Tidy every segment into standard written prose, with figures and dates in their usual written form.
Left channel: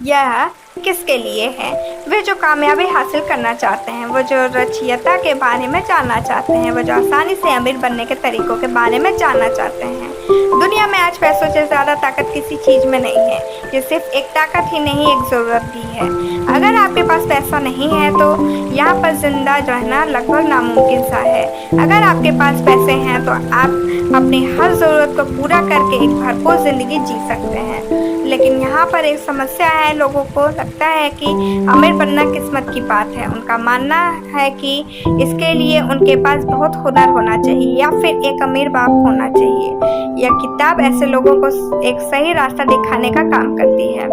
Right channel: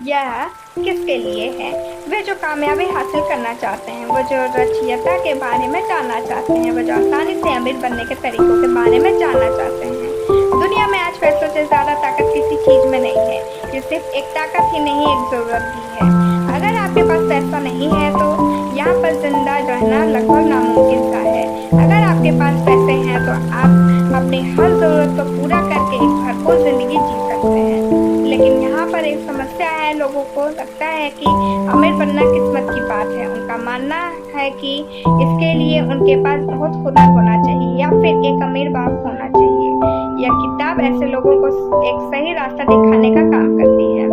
यह किसके लिए है? वे जो कामयाबी हासिल करना चाहते हैं, वो जो रचयिता के बारे में जानना चाहते हैं, वो जो आसानी से अमीर बनने के तरीकों के बारे में जानना चाहते हैं। दुनिया में आज पैसों से ज़्यादा ताकत किसी चीज़ में नहीं है। ये सिर्फ एक ताकत ही नहीं, एक ज़रूरत भी है। अगर आपके पास पैसा नहीं है तो यहाँ पर जिंदा रहना लगभग नामुमकिन सा है। अगर आपके पास पैसे हैं तो आप अपनी हर ज़रूरत को पूरा करके एक भरपूर ज़िंदगी जी सकते हैं। लेकिन यहाँ पर एक समस्या है। लोगों को लगता है कि अमीर बनना किस्मत की बात है। उनका मानना है कि इसके लिए उनके पास बहुत हुनर होना चाहिए या फिर एक अमीर बाप होना चाहिए। यह किताब ऐसे लोगों को एक सही रास्ता दिखाने का काम करती है।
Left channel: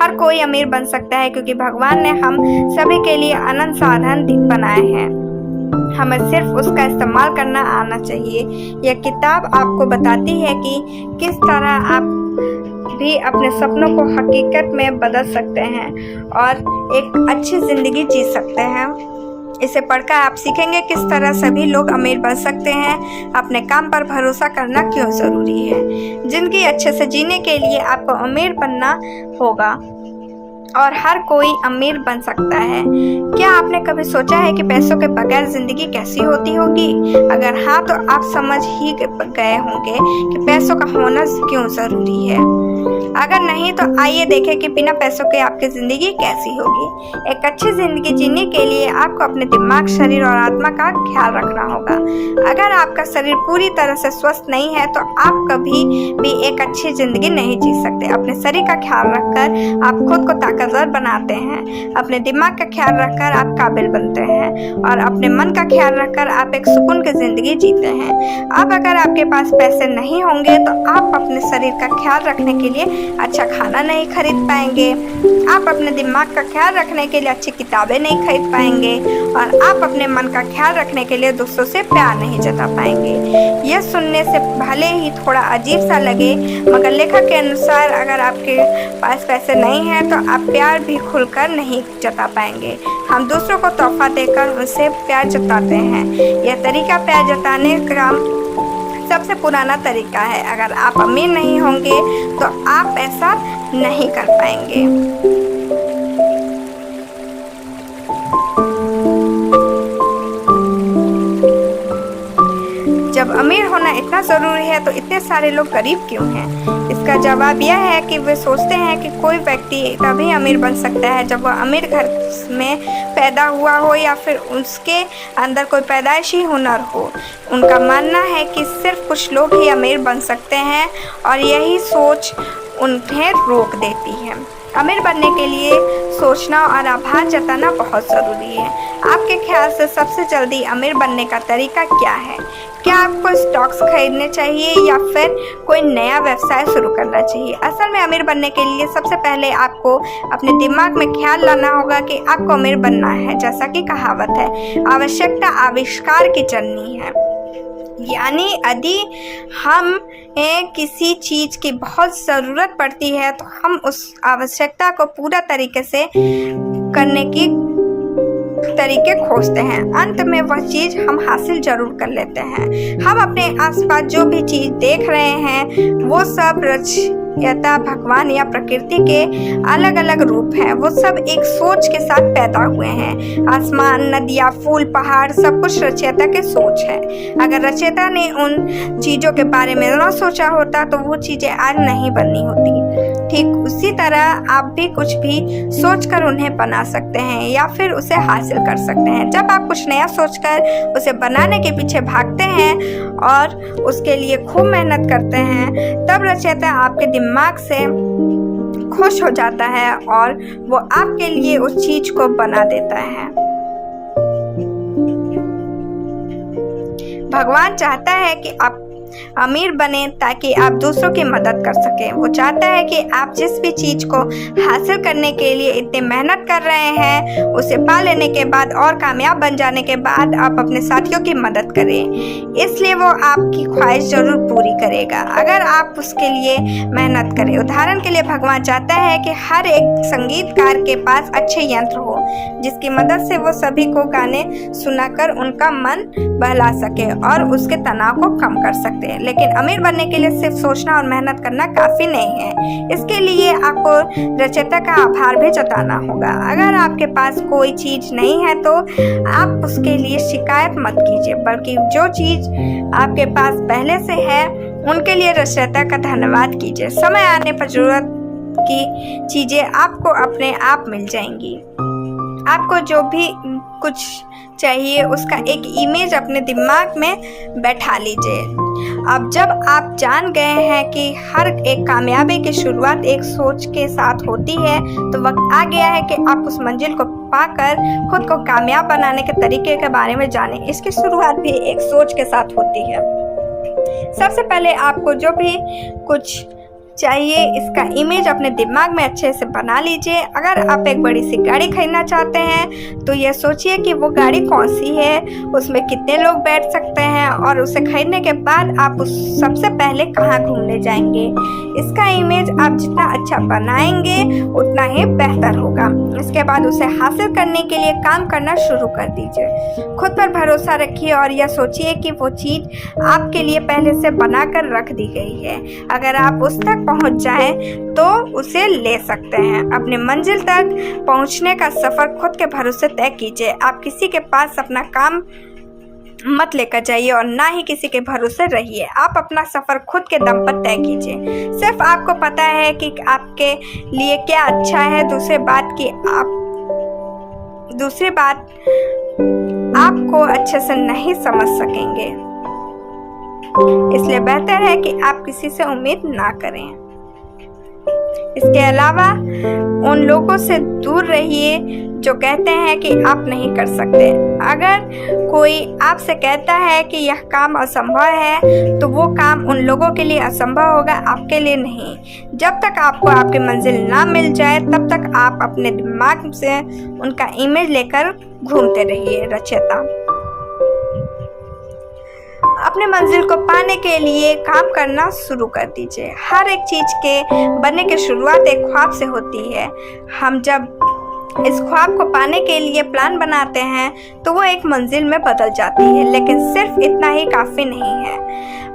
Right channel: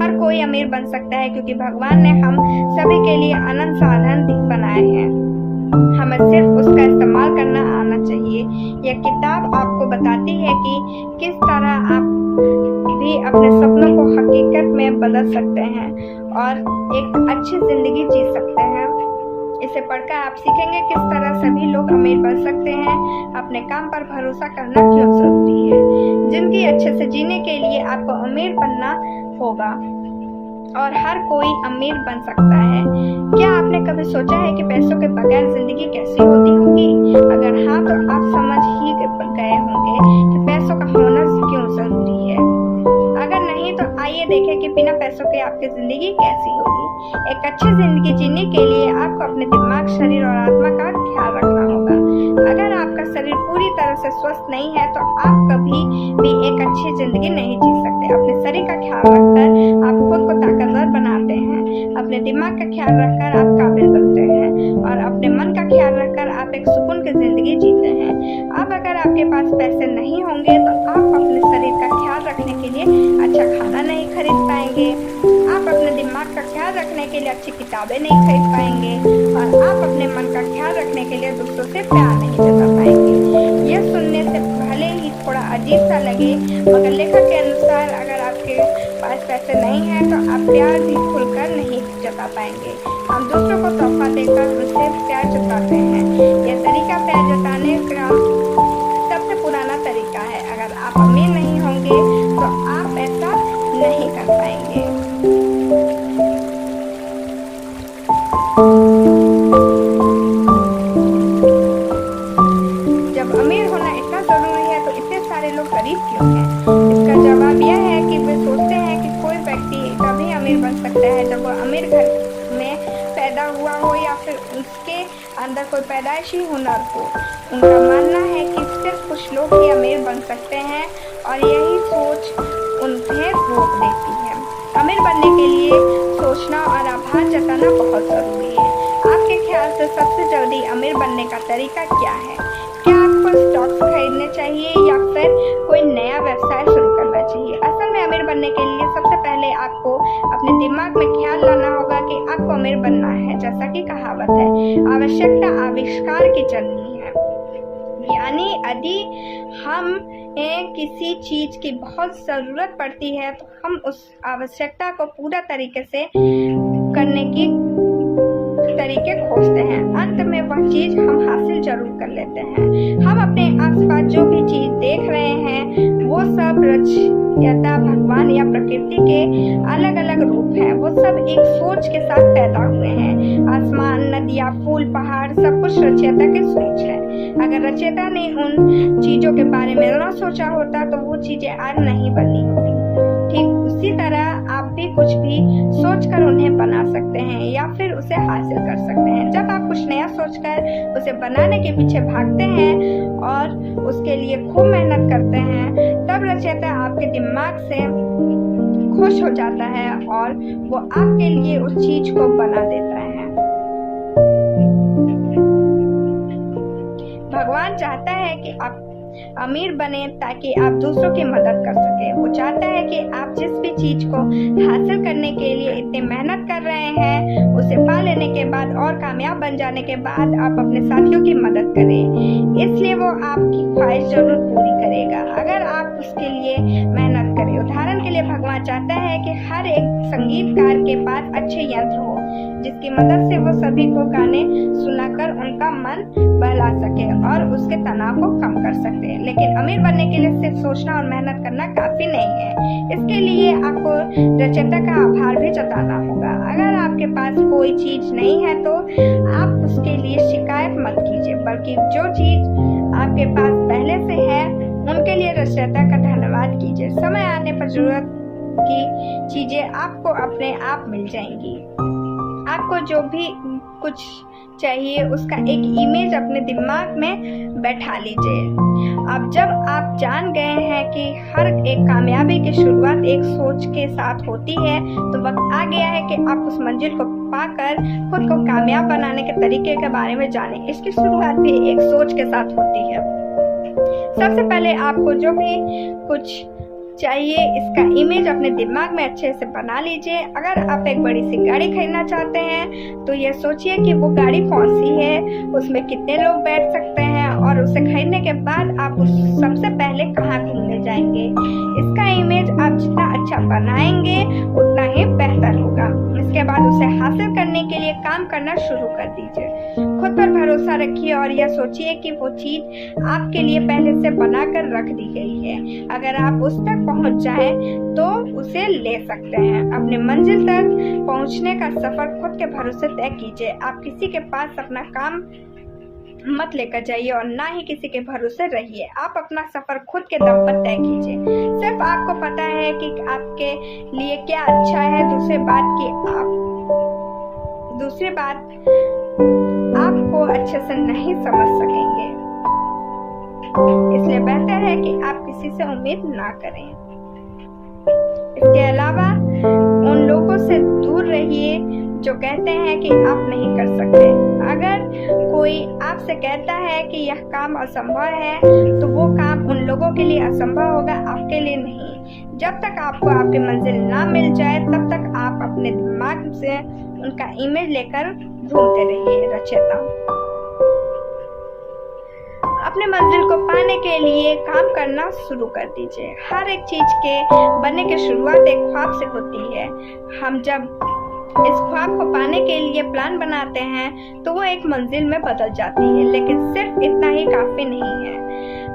हर कोई अमीर बन सकता है क्योंकि भगवान ने हम सभी के लिए अनंत साधन बनाए हैं। हमें सिर्फ उसका इस्तेमाल करना आना चाहिए। यह किताब आपको बताती है कि किस तरह आप भी अपने सपनों को हकीकत में बदल सकते हैं और एक अच्छी ज़िंदगी जी सकते हैं। इसे पढ़कर आप सीखेंगे किस तरह सभी लोग अमीर बन सकते हैं। अपने काम पर भरोसा करना क्यों ज़रूरी है। ज़िंदगी अच्छे से जीने के लिए आपको अमीर बनना होगा और हर कोई अमीर बन सकता है। क्या आपने कभी सोचा है कि पैसों के बगैर ज़िंदगी कैसी होती होगी? अगर हाँ तो आप समझ ही गए होंगे कि पैसों का होना क्यों ज़रूरी है। अगर नहीं तो आइए देखें कि बिना पैसों के आपकी ज़िंदगी कैसी होगी। एक अच्छी ज़िंदगी जीने के लिए आपको अपने दिमाग, शरीर और आत्मा का ख्याल रखना होगा। अगर आपका शरीर पूरी तरह से स्वस्थ नहीं है तो आप कभी भी एक अच्छी ज़िंदगी नहीं जी सकते। अपने शरीर का ख्याल रखकर आप खुद को ताकतवर बनाते हैं। अपने दिमाग का ख्याल रखकर आप काबिल बनते हैं और अपने मन का ख्याल रखकर आप एक सुकून की ज़िंदगी जीते हैं। अब अगर आपके पास पैसे नहीं होंगे तो आप अपने शरीर का ख्याल रखने के लिए अच्छा खाना नहीं खरीद पाएंगे। आप अपने दिमाग का ख्याल रखने के लिए अच्छी किताबें नहीं खरीद पाएंगे और आप अपने मन का ख्याल रखने के लिए दूसरों से प्यार नहीं जता पाएंगे। यह सुनने से भले ही थोड़ा अजीब सा लगे, मगर लेखक के अनुसार अगर आपके पास पैसे नहीं हैं तो आप प्यार भी खुलकर नहीं जता पाएंगे। हम दूसरों को तोहफा देकर उनसे प्यार जताते हैं। यह तरीका प्यार जताने का सबसे पुराना तरीका है। अगर आप अमीर नहीं होंगे तो आप ऐसा नहीं कर पाएंगे। जब अमीर होना इतना ज़रूरी है तो इतने सारे लोग गरीब क्यों हैं? इसका जवाब यह है कि वे सोचते हैं कि कोई व्यक्ति तभी अमीर बन सकता है जब वह अमीर घर में पैदा हुआ हो या फिर उसके अंदर कोई पैदाइशी हुनर हो। उनका मानना है कि सिर्फ कुछ लोग ही अमीर बन सकते हैं और यही सोच उन्हें रोक देती है। अमीर बनने के लिए सोचना और आभार जताना बहुत ज़रूरी है। आपके ख्याल से सबसे जल्दी अमीर बनने का तरीका क्या है? क्या आपको स्टॉक्स खरीदने चाहिए या फिर कोई नया व्यवसाय शुरू करना चाहिए? असल में अमीर बनने के लिए सबसे पहले आपको अपने दिमाग में ख्याल लाना होगा कि आपको अमीर बनना है। जैसा कि कहावत है, आवश्यकता आविष्कार की जननी है। यानी यदि हमें किसी चीज़ की बहुत ज़रूरत पड़ती है तो हम उस आवश्यकता को पूरा तरीके से करने की तरीके खोजते हैं। अंत में वह चीज़ हम हासिल जरूर कर लेते हैं। हम अपने आसपास जो भी चीज़ देख रहे हैं वो सब रचयिता, भगवान या प्रकृति के अलग अलग रूप हैं। वो सब एक सोच के साथ पैदा हुए हैं। आसमान, नदियाँ, फूल, पहाड़ सब कुछ रचयिता के सोच है। अगर रचयिता ने उन चीज़ों के बारे में ना सोचा होता तो वो चीज़ें आज नहीं बननी होती। ठीक उसी तरह आप भी कुछ भी सोचकर उन्हें बना सकते हैं या फिर उसे हासिल कर सकते हैं। जब आप कुछ नया सोचकर उसे बनाने के पीछे भागते हैं और उसके लिए खूब मेहनत करते हैं, तब रचयिता आपके दिमाग से खुश हो जाता है और वो आपके लिए उस चीज को बना देता है। भगवान चाहता है कि आप अमीर बने ताकि आप दूसरों की मदद कर सकें। वो चाहता है कि आप जिस भी चीज़ को हासिल करने के लिए इतनी मेहनत कर रहे हैं उसे पा लेने के बाद और कामयाब बन जाने के बाद आप अपने साथियों की मदद करें। इसलिए वो आपकी ख्वाहिश ज़रूर पूरी करेगा अगर आप उसके लिए मेहनत करें। उदाहरण के लिए भगवान चाहता है कि हर एक संगीतकार के पास अच्छे यंत्र हो जिसकी मदद से वो सभी को गाने सुनाकर उनका मन बहला सके और उसके तनाव को कम कर सकते हैं। लेकिन अमीर बनने के लिए सिर्फ सोचना और मेहनत करना काफ़ी नहीं है, इसके लिए आपको रचयिता का आभार भी जताना होगा। अगर आपके पास कोई चीज़ नहीं है तो आप उसके लिए शिकायत मत कीजिए, बल्कि जो चीज़ आपके पास पहले से है उनके लिए रचयिता का धन्यवाद कीजिए। समय आने पर जरूरत की चीज़ें आपको अपने आप मिल जाएंगी। आपको जो भी कुछ चाहिए उसका एक इमेज अपने दिमाग में बैठा लीजिए। अब जब आप जान गए हैं कि हर एक कामयाबी की शुरुआत एक सोच के साथ होती है, तो वक्त आ गया है कि आप उस मंजिल को पाकर खुद को कामयाब बनाने के तरीके के बारे में जानें। इसकी शुरुआत भी एक सोच के साथ होती है। सबसे पहले आपको जो भी कुछ चाहिए इसका इमेज अपने दिमाग में अच्छे से बना लीजिए। अगर आप एक बड़ी सी गाड़ी खरीदना चाहते हैं तो यह सोचिए कि वो गाड़ी कौन सी है, उसमें कितने लोग बैठ सकते हैं और उसे खरीदने के बाद आप उस सबसे पहले कहाँ घूमने जाएंगे। इसका इमेज आप जितना अच्छा बनाएंगे उतना ही बेहतर होगा। इसके बाद उसे हासिल करने के लिए काम करना शुरू कर दीजिए। खुद पर भरोसा रखिए और यह सोचिए कि वो चीज़ आपके लिए पहले से बनाकर रख दी गई है। अगर आप उस तक पहुंच जाएं तो उसे ले सकते हैं। अपने मंजिल तक पहुंचने का सफर खुद के भरोसे तय कीजिए। आप किसी के पास अपना काम मत लेकर जाइए और ना ही किसी के भरोसे रहिए। आप अपना सफर खुद के दम पर तय कीजिए। सिर्फ आपको पता है कि आपके लिए क्या अच्छा है। दूसरी बात आपको अच्छे से नहीं समझ सकेंगे। इसलिए बेहतर है कि आप किसी से उम्मीद ना करें। इसके अलावा उन लोगों से दूर रहिए जो कहते हैं कि आप नहीं कर सकते। अगर कोई आपसे कहता है कि यह काम असंभव है तो वो काम उन लोगों के लिए असंभव होगा, आपके लिए नहीं। जब तक आपको आपकी मंजिल ना मिल जाए तब तक आप अपने दिमाग से उनका इमेज लेकर घूमते रहिए। रचयिता अपने मंजिल को पाने के लिए काम करना शुरू कर दीजिए। हर एक चीज के बनने की शुरुआत एक ख्वाब से होती है। हम जब इस ख्वाब को पाने के लिए प्लान बनाते हैं तो वो एक मंजिल में बदल जाती है, लेकिन सिर्फ इतना ही काफ़ी नहीं है।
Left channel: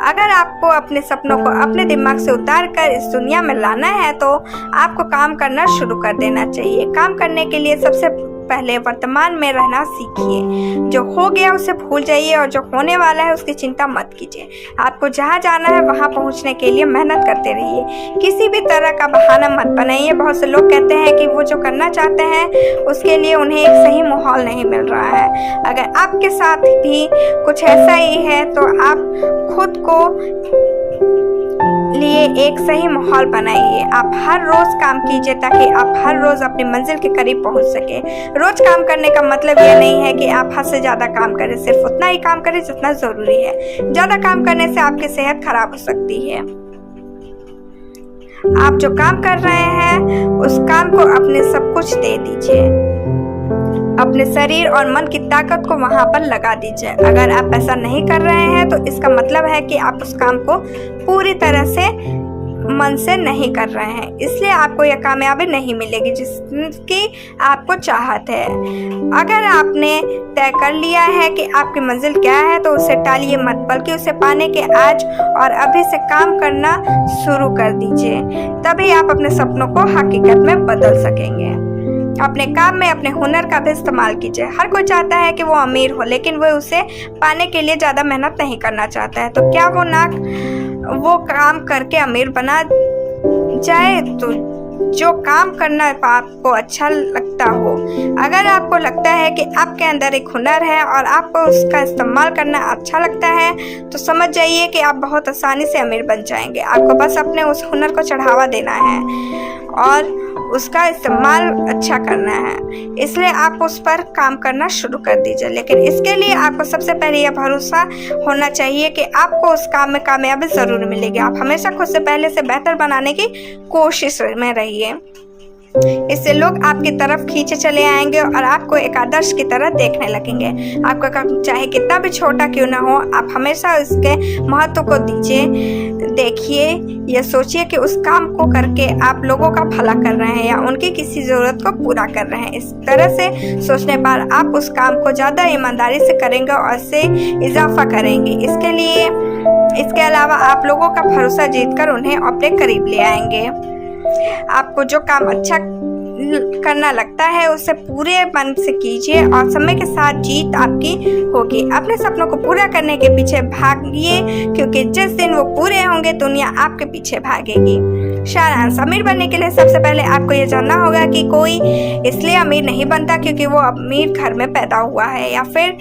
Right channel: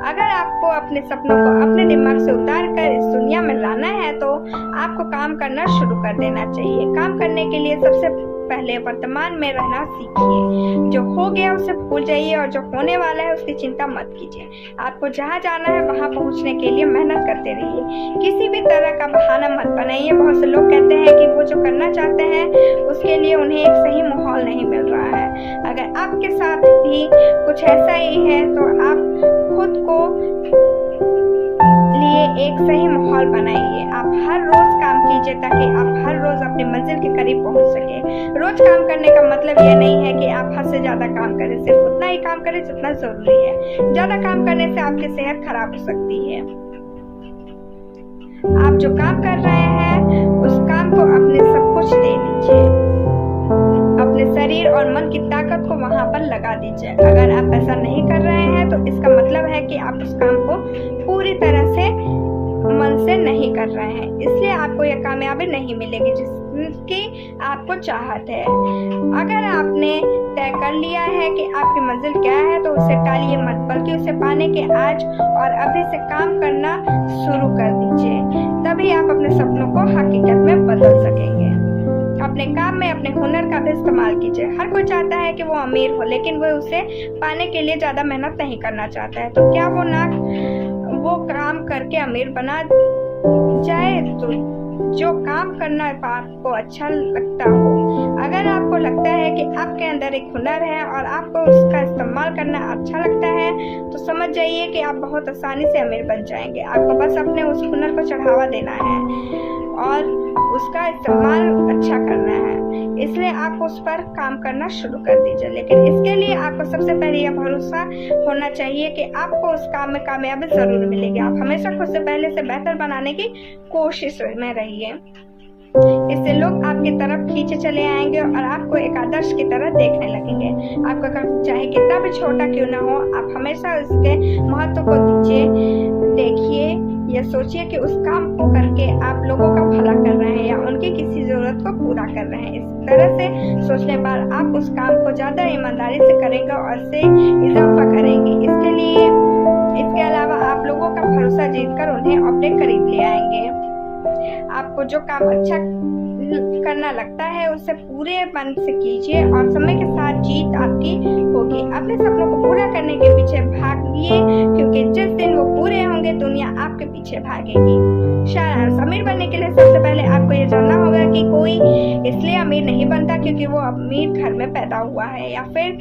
अगर आपको अपने सपनों को अपने दिमाग से उतार कर इस दुनिया में लाना है तो आपको काम करना शुरू कर देना चाहिए। काम करने के लिए सबसे पहले वर्तमान में रहना सीखिए। जो हो गया उसे भूल जाइए और जो होने वाला है उसकी चिंता मत कीजिए। आपको जहाँ जाना है वहाँ पहुँचने के लिए मेहनत करते रहिए। किसी भी तरह का बहाना मत बनाइए। बहुत से लोग कहते हैं कि वो जो करना चाहते हैं उसके लिए उन्हें एक सही माहौल नहीं मिल रहा है। अगर आपके साथ भी कुछ ऐसा ही है तो आप खुद को लिए एक सही माहौल बनाइए। आप हर रोज काम कीजिए ताकि आप हर रोज अपनी मंजिल के करीब पहुंच सके। रोज काम करने का मतलब यह नहीं है कि आप हद से ज्यादा काम करें, सिर्फ उतना ही काम करें जितना जरूरी है। ज्यादा काम करने से आपकी सेहत खराब हो सकती है। आप जो काम कर रहे हैं उस काम को अपने सब कुछ दे दीजिए। अपने शरीर और मन की ताकत को वहां पर लगा दीजिए। अगर आप ऐसा नहीं कर रहे हैं तो इसका मतलब है कि आप उस काम को पूरी तरह से मन से नहीं कर रहे हैं। इसलिए आपको यह कामयाबी नहीं मिलेगी जिसकी आपको चाहत है। अगर आपने तय कर लिया है कि आपकी मंजिल क्या है तो उसे टालिए मत, बल्कि उसे पाने के आज और अभी से काम करना शुरू कर दीजिए। तभी आप अपने सपनों को हकीकत में बदल सकेंगे। अपने काम में अपने हुनर का भी इस्तेमाल कीजिए। हर कोई चाहता है कि वो अमीर हो, लेकिन वो उसे पाने के लिए ज़्यादा मेहनत नहीं करना चाहता है। तो क्या वो काम करके अमीर बना जाए? तो जो काम करना आपको अच्छा लगता हो। अगर आपको लगता है कि आपके अंदर एक हुनर है और आपको उसका इस्तेमाल करना अच्छा लगता है तो समझ जाइए कि आप बहुत आसानी से अमीर बन जाएंगे। आपको बस अपने उस हुनर को चढ़ावा देना है और उसका इस्तेमाल अच्छा करना है। इसलिए आप उस पर काम करना शुरू कर दीजिए। लेकिन इसके लिए आपको सबसे पहले यह भरोसा होना चाहिए कि आपको उस काम में कामयाबी ज़रूर मिलेगी। आप हमेशा खुद से पहले से बेहतर बनाने की कोशिश में रहिए। इससे लोग आपकी तरफ खींचे चले आएंगे और आपको एक आदर्श की तरह देखने लगेंगे। आपका काम चाहे कितना भी छोटा क्यों ना हो, आप हमेशा इसके महत्व को दीजिए। देखिए, ये सोचिए कि उस काम को करके आप लोगों का भला कर रहे हैं या उनकी किसी ज़रूरत को पूरा कर रहे हैं। इस तरह से सोचने पर आप उस काम को ज़्यादा ईमानदारी से करेंगे और इससे इजाफा करेंगे। इसके अलावा आप लोगों का भरोसा जीतकर उन्हें अपने करीब ले आएंगे। आपको जो काम अच्छा करना लगता है उसे पूरे मन से कीजिए और समय के साथ जीत आपकी होगी। अपने सपनों को पूरा करने के पीछे भागिए, क्योंकि जिस दिन वो पूरे होंगे दुनिया आपके पीछे भागेगी। सारांश, अमीर बनने के लिए सबसे पहले आपको ये जानना होगा कि कोई इसलिए अमीर नहीं बनता क्योंकि वो अमीर घर में पैदा हुआ है या फिर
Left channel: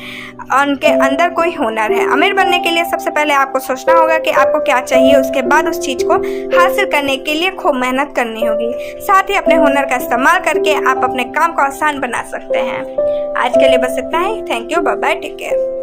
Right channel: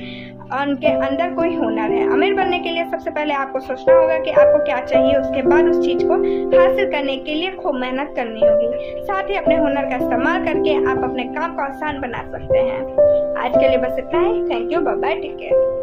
उनके अंदर कोई हुनर है। अमीर बनने के लिए सबसे पहले आपको सोचना होगा कि आपको क्या चाहिए, उसके बाद उस चीज़ को हासिल करने के लिए खूब मेहनत करनी होगी। साथ ही अपने हुनर का इस्तेमाल करके आप अपने काम को आसान बना सकते हैं। आज के लिए बस इतना ही। Thank you, bye bye, take care.